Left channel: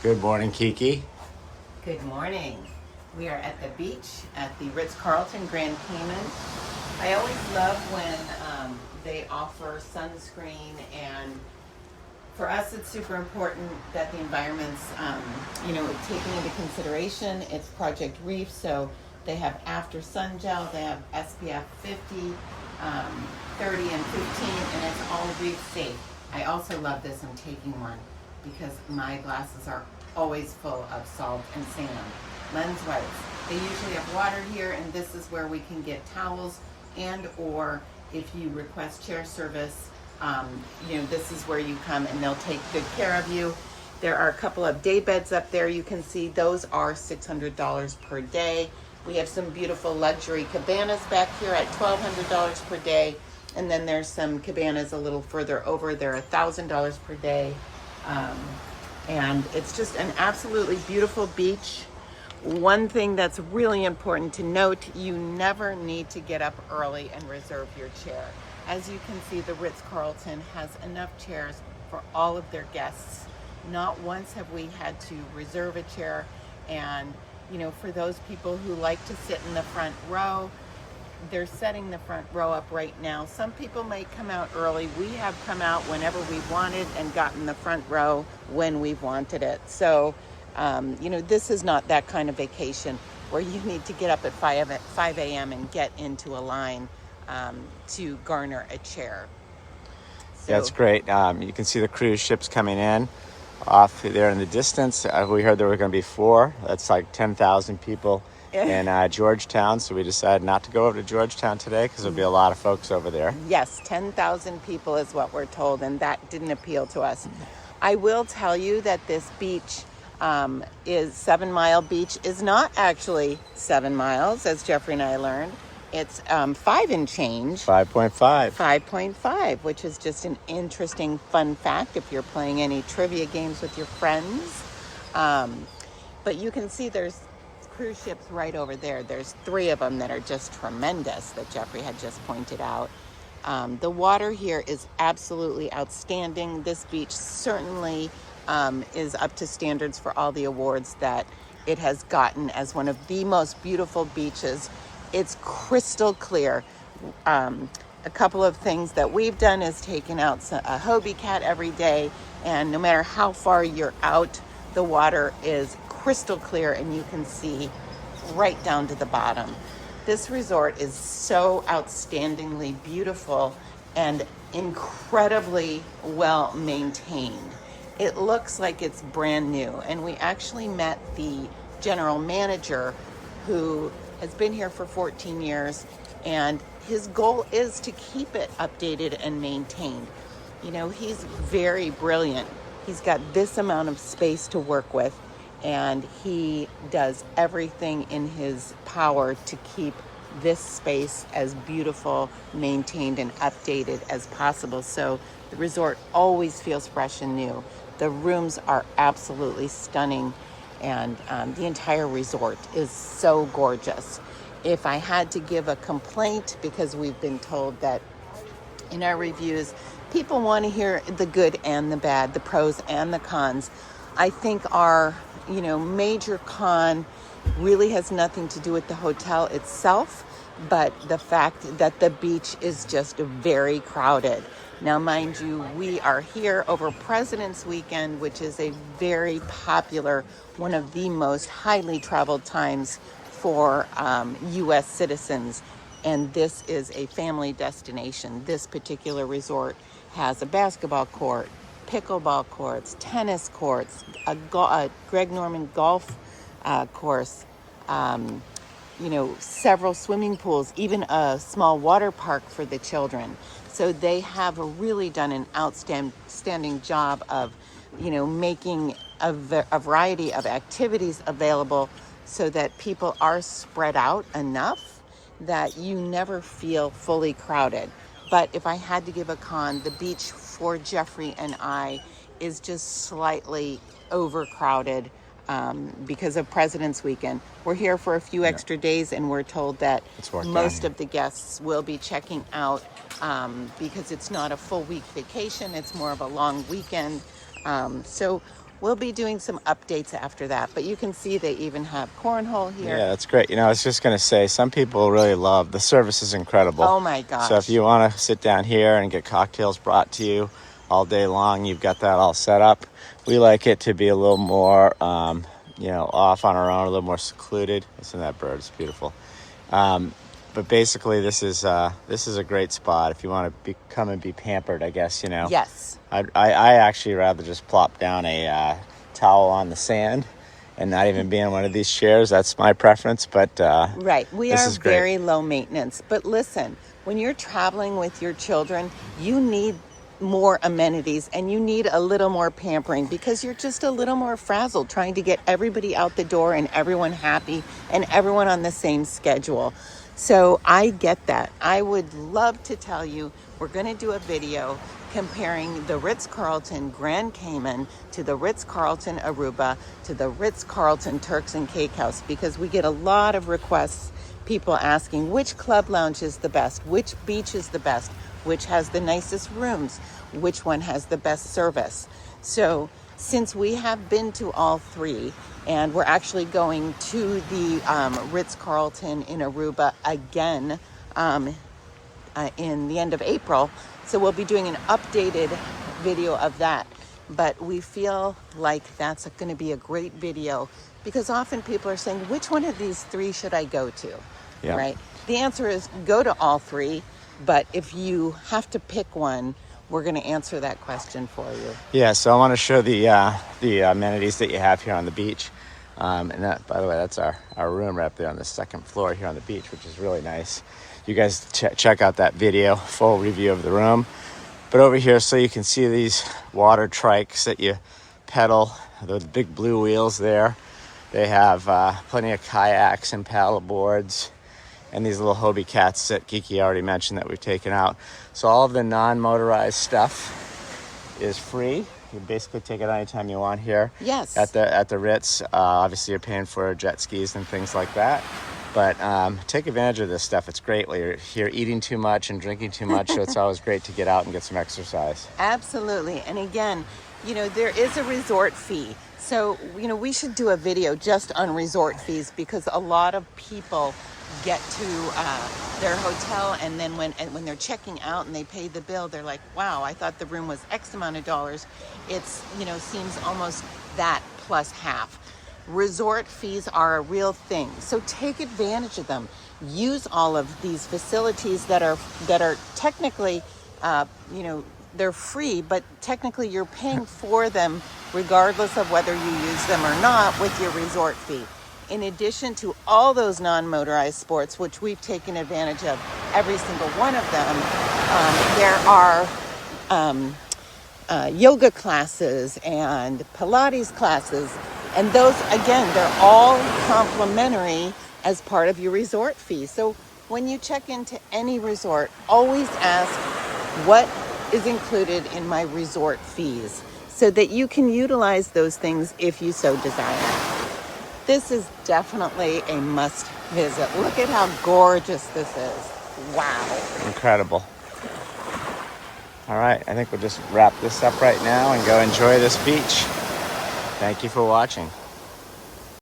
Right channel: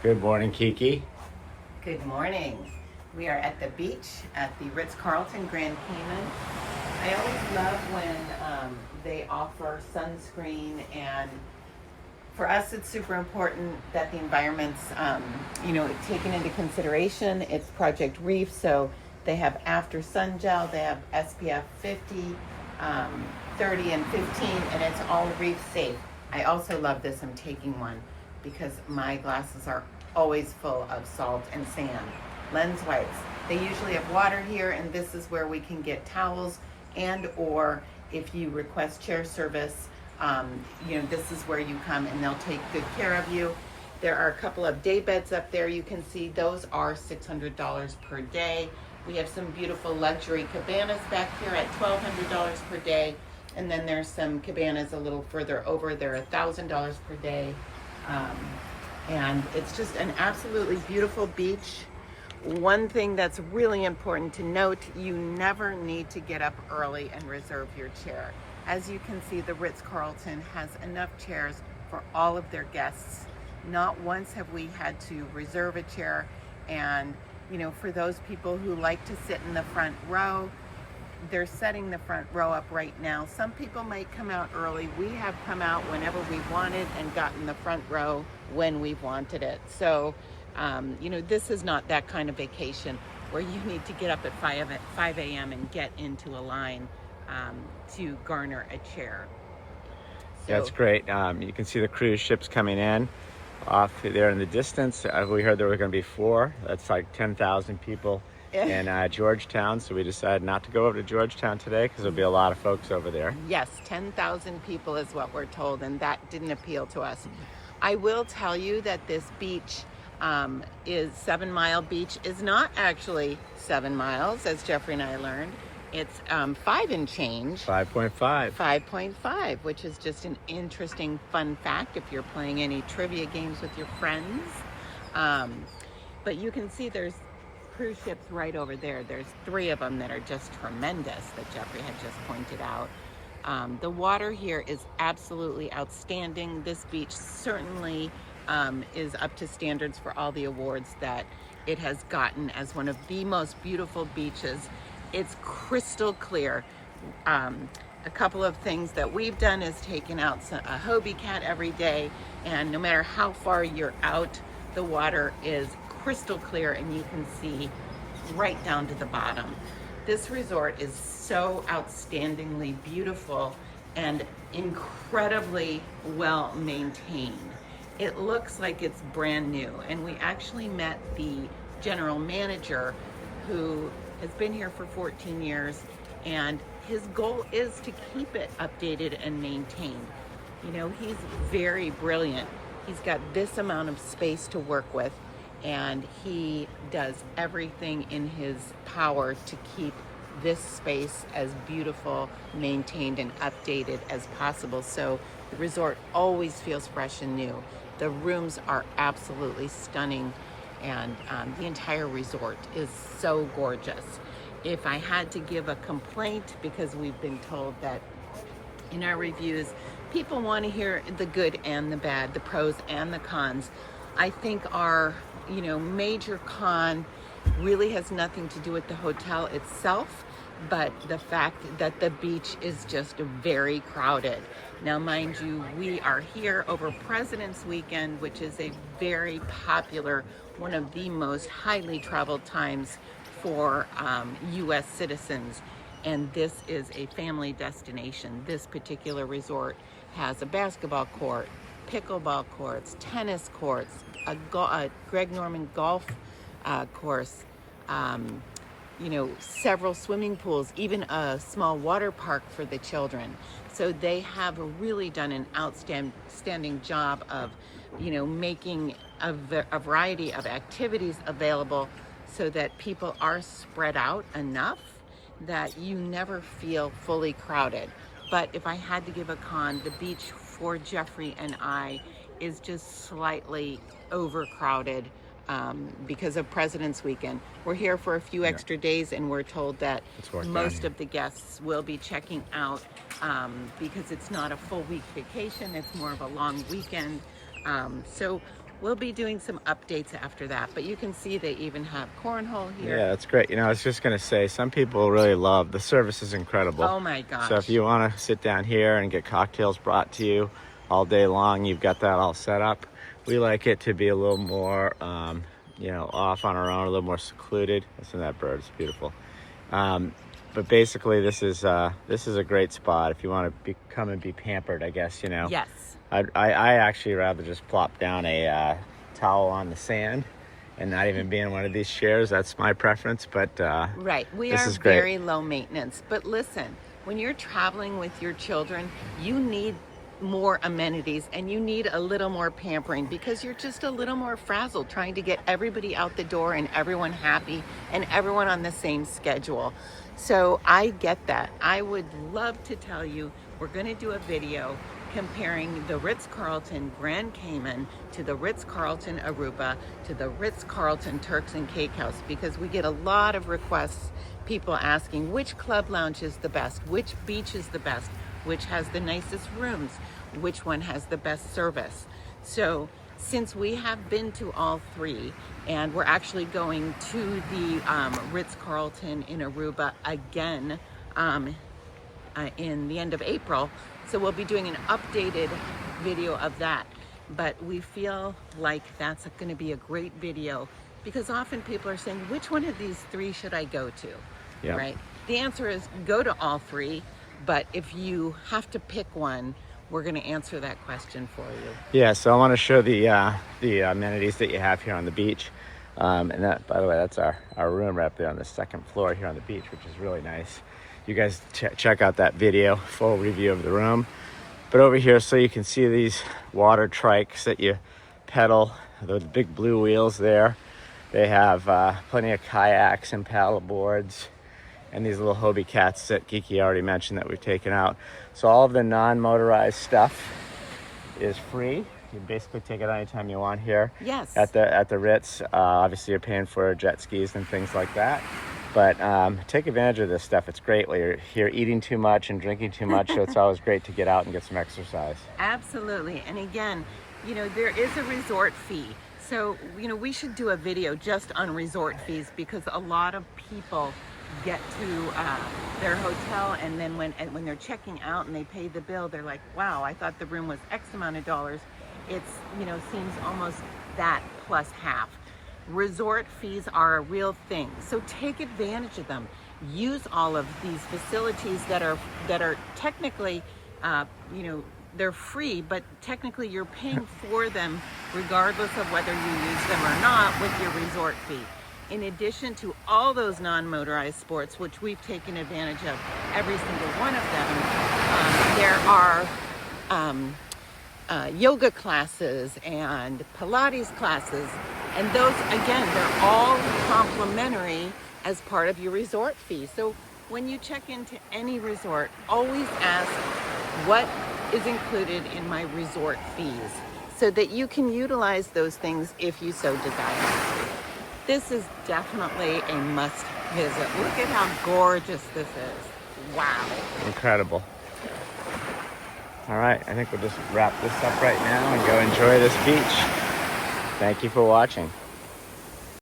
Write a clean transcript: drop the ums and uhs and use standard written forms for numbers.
Good morning, Kiki. Good morning. We are at the beach at the Ritz Carlton Grand Cayman. I always love when they offer sunscreen, and for us it's super important that the environment's taken into consideration. It's Project Reef, so they have after sun gel, they have SPF 50, 30 and 15, and it's all reef safe. I also love this. I'm taking one because my glasses are always full of salt and sand. Lens wipes. They usually have water here, and this is where we can get towels, and or if you request chair service, this is where you come and they'll take good care of you. There are a couple of day beds up there. You can see those are $600 per day. We have some beautiful luxury cabanas back here at $1,200 per day. And then there's some cabanas a little further over. They're $1,000 per day. And it's just an absolutely beautiful beach. One thing that's really important to note, you never need to get up early and reserve your chair. As you can see, the Ritz Carlton has enough chairs for all of their guests. Not once have we had to reserve a chair. And, for those people who like to sit in the front row, they're setting the front row up right now. Some people might come out early. We have come out whenever we wanted and gotten the front row when we wanted it. So, this is not that kind of vacation where you need to get up at 5 a.m. and get into a line to garner a chair. So, That's great. You can see the cruise ships coming in off there in the distance. We heard there were going to be 4. That's like 10,000 people in Georgetown. So we decided not to go over to Georgetown today because there'll be a lot of folks over there. Yes, 10,000 people is what we're told, and that didn't appeal to us. I will tell you that this beach is 7 Mile Beach is not actually 7 miles, as Jeffrey and I learned. It's 5 and change. 5.5. 5.5, which is just an interesting fun fact if you're playing any trivia games with your friends. But you can see there's cruise ships right over there. There's 3 of them that are just tremendous that Jeffrey had just pointed out. The water here is absolutely outstanding. This beach certainly is up to standards for all the awards that it has gotten as one of the most beautiful beaches. It's crystal clear. A couple of things that we've done is taken out a Hobie cat every day, and no matter how far you're out, the water is crystal clear and you can see right down to the bottom. This resort is so outstandingly beautiful and incredibly well maintained. It looks like it's brand new, and we actually met the general manager who has been here for 14 years, and his goal is to keep it updated and maintained. He's very brilliant. He's got this amount of space to work with, and he does everything in his power to keep this space as beautiful, maintained, and updated as possible. So the resort always feels fresh and new. The rooms are absolutely stunning, and the entire resort is so gorgeous. If I had to give a complaint, because we've been told that in our reviews, people want to hear the good and the bad, the pros and the cons. I think our, major con really has nothing to do with the hotel itself, but the fact that the beach is just very crowded. Now, mind you, we are here over President's Weekend, which is a very popular, one of the most highly traveled times for U.S. citizens. And this is a family destination. This particular resort has a basketball court, pickleball courts, tennis courts, a Greg Norman golf course, several swimming pools, even a small water park for the children. So they have really done an outstanding job of, making a variety of activities available so that people are spread out enough that you never feel fully crowded. But if I had to give a con, the beach for Jeffrey and I is just slightly overcrowded because of President's Weekend. We're here for a few extra days, and we're told that most of the guests will be checking out because it's not a full week vacation, it's more of a long weekend. So we'll be doing some updates after that. But you can see they even have cornhole here. Yeah, that's great. You know, I was just going to say, some people really love, the service is incredible. Oh my gosh. So if you want to sit down here and get cocktails brought to you all day long, you've got that all set up. We like it to be a little more, you know, off on our own, a little more secluded. Listen to that bird, it's beautiful. But basically, this is a great spot if you want to come and be pampered, I guess, you know. Yes. I actually rather just plop down a towel on the sand and not even be in one of these chairs. That's my preference, but right. We this are is great. very low maintenance. But listen, when you're traveling with your children, you need more amenities and you need a little more pampering because you're just a little more frazzled trying to get everybody out the door and everyone happy and everyone on the same schedule. So I get that. I would love to tell you we're going to do a video comparing the Ritz Carlton Grand Cayman to the Ritz Carlton Aruba to the Ritz Carlton Turks and Caicos, because we get a lot of requests, people asking which club lounge is the best, which beach is the best, which has the nicest rooms, which one has the best service. So since we have been to all three, and we're actually going to the Ritz Carlton in Aruba again in the end of April, so we'll be doing an updated video of that. But we feel like that's going to be a great video because often people are saying, which one of these three should I go to? Yeah. Right? The answer is go to all three, but if you have to pick one, we're going to answer that question for you. Yeah, so I want to show the amenities that you have here on the beach. And that, by the way, that's our room right up there on the second floor here on the beach, which is really nice. You guys check out that video, full review of the room. But over here, so you can see these water trikes that you pedal, those big blue wheels there. They have plenty of kayaks and paddle boards, and these little Hobie cats that Kiki already mentioned that we've taken out. So all of the non-motorized stuff is free. You basically take it anytime you want here. Yes. At the Ritz. Obviously, you're paying for jet skis and things like that. But take advantage of this stuff. It's great when you're here eating too much and drinking too much. So it's always great to get out and get some exercise. Absolutely. And again, you know, there is a resort fee. So, you know, we should do a video just on resort fees because a lot of people get to their hotel and then when they're checking out and they pay the bill, they're like, wow, I thought the room was X amount of dollars. It's, you know, seems almost that plus half. Resort fees are a real thing. So take advantage of them. Use all of these facilities that are technically, you know, they're free, but technically you're paying for them regardless of whether you use them or not with your resort fee. In addition to all those non-motorized sports, which we've taken advantage of every single one of them, there are yoga classes and Pilates classes. And those, again, they're all complimentary as part of your resort fee. So when you check into any resort, always ask what is included in my resort fees so that you can utilize those things if you so desire. This is definitely a must visit. Look at how gorgeous this is. Wow. Incredible. All right, I think we'll just wrap this up right now and go enjoy this beach. Thank you for watching.